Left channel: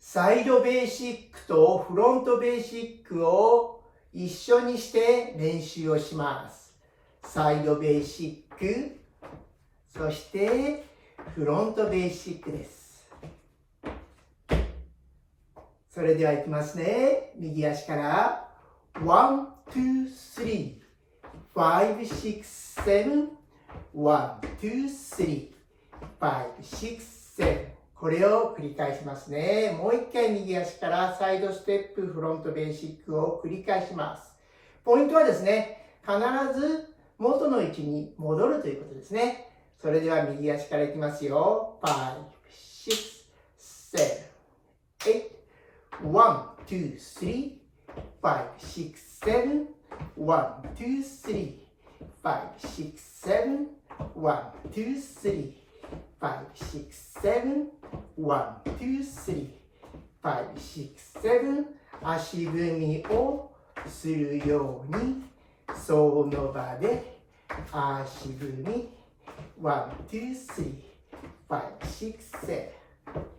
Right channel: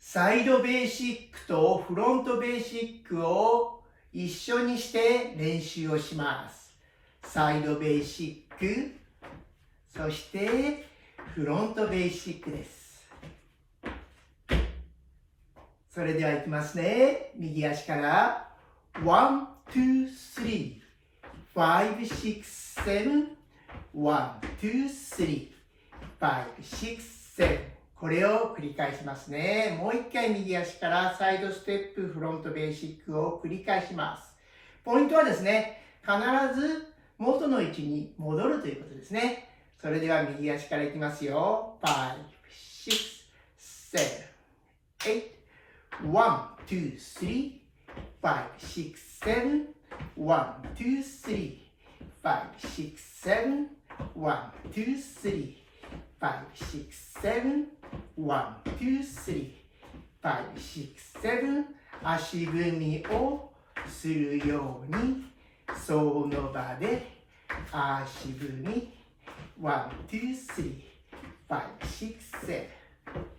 サイドベーシックとフロントベーシックを一緒にして練習をします。サイドベーシック、そしてフロントベーシックです。それではいきますね。右足から1、2、3、5、6、7、1、2、3、5、6、7、これを繰り返しますね。もう一回右足からサイドステップ、フロントベーシックを繰り返します。ポイントはですね、必ず元の位置に戻るということですね。それでは右足からいきますよ。5、6、7、8、1、2、3、5、6、7、1、2、3、5、6、7、1、2、3、5, 6, 7, 1, 2, 3, 5, 6, 7、足踏みをするように、その場で足踏み、1, 2, 3, 5, 6, 7,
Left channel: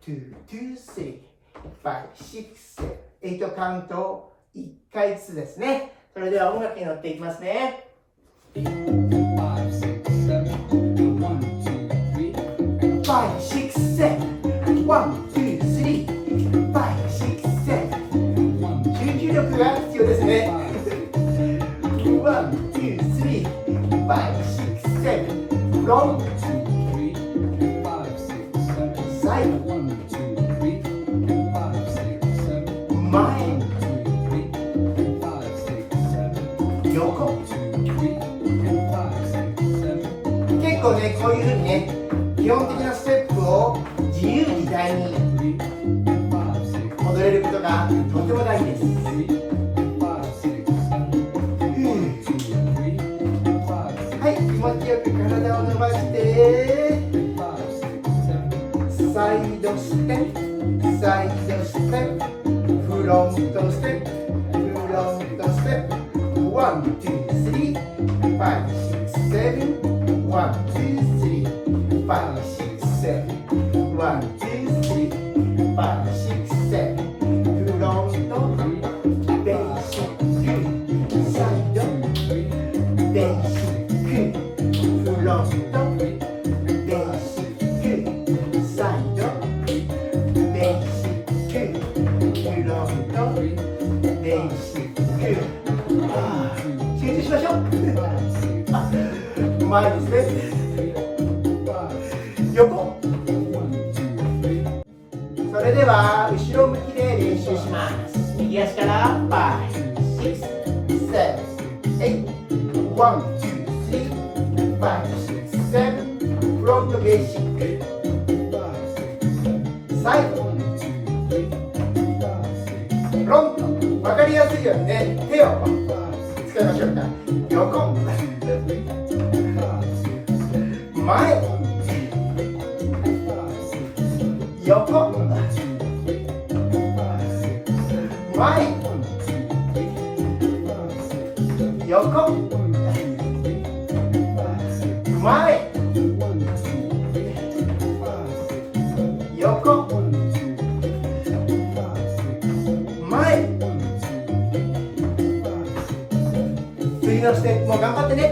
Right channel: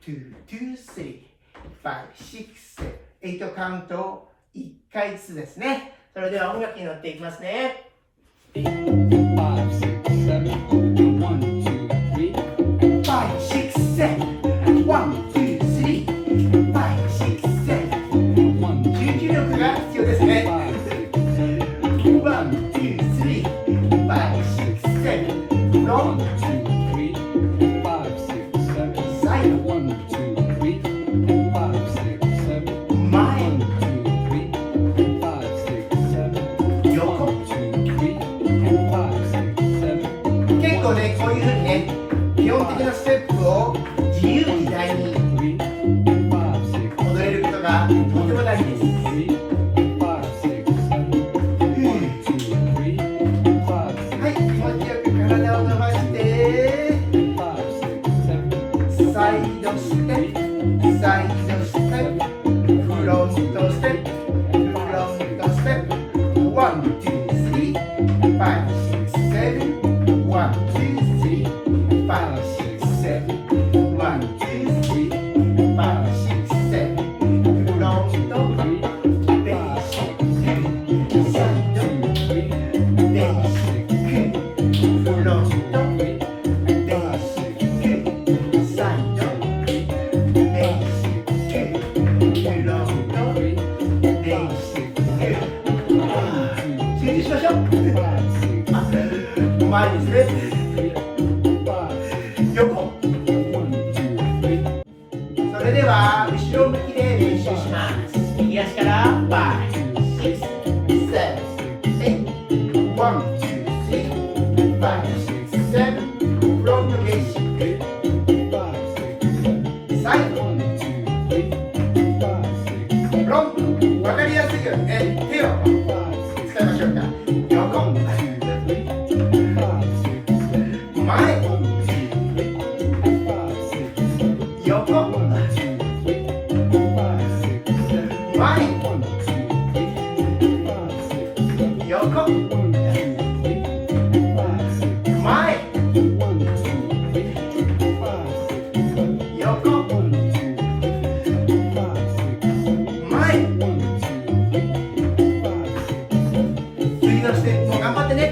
2, 2, 3, 5, 6, 7、8カウントを1回ずつですね。それでは音楽に乗っていきますね。5, 6, 7, 1, 2, 3, 5, 6, 7、集中力が必要ですね。1, 2, 3, 5, 6, 7、ロング、サイド、前、横。結構ね、こういうふうにね、基本的なステップを自由自在に踊れることがとても大事です。はい、気持ちよく体を伸ばして、サイドステップ、サイドステップ、フロントステップ、フロントステップ、1、2、3、5、6、7、1、2、3、5, 6, 7, 1, 2, 3, 5, 6, 7、フロント、ベーシック、サイド、ベーシック、フロント、ベーシック、サイド、ベーシック、フロント、ベーシック。集中しましょう。うまいですね。横。それでは後ろ向きで練習します。右足から5、6、7、8、1、2、3、5、6、7、フロントベーシック、サイド、フロント、わかりやすいようにね、手を使いましょうか。横、前、横、前、横、前、横、前。次のステップも頑張ってね。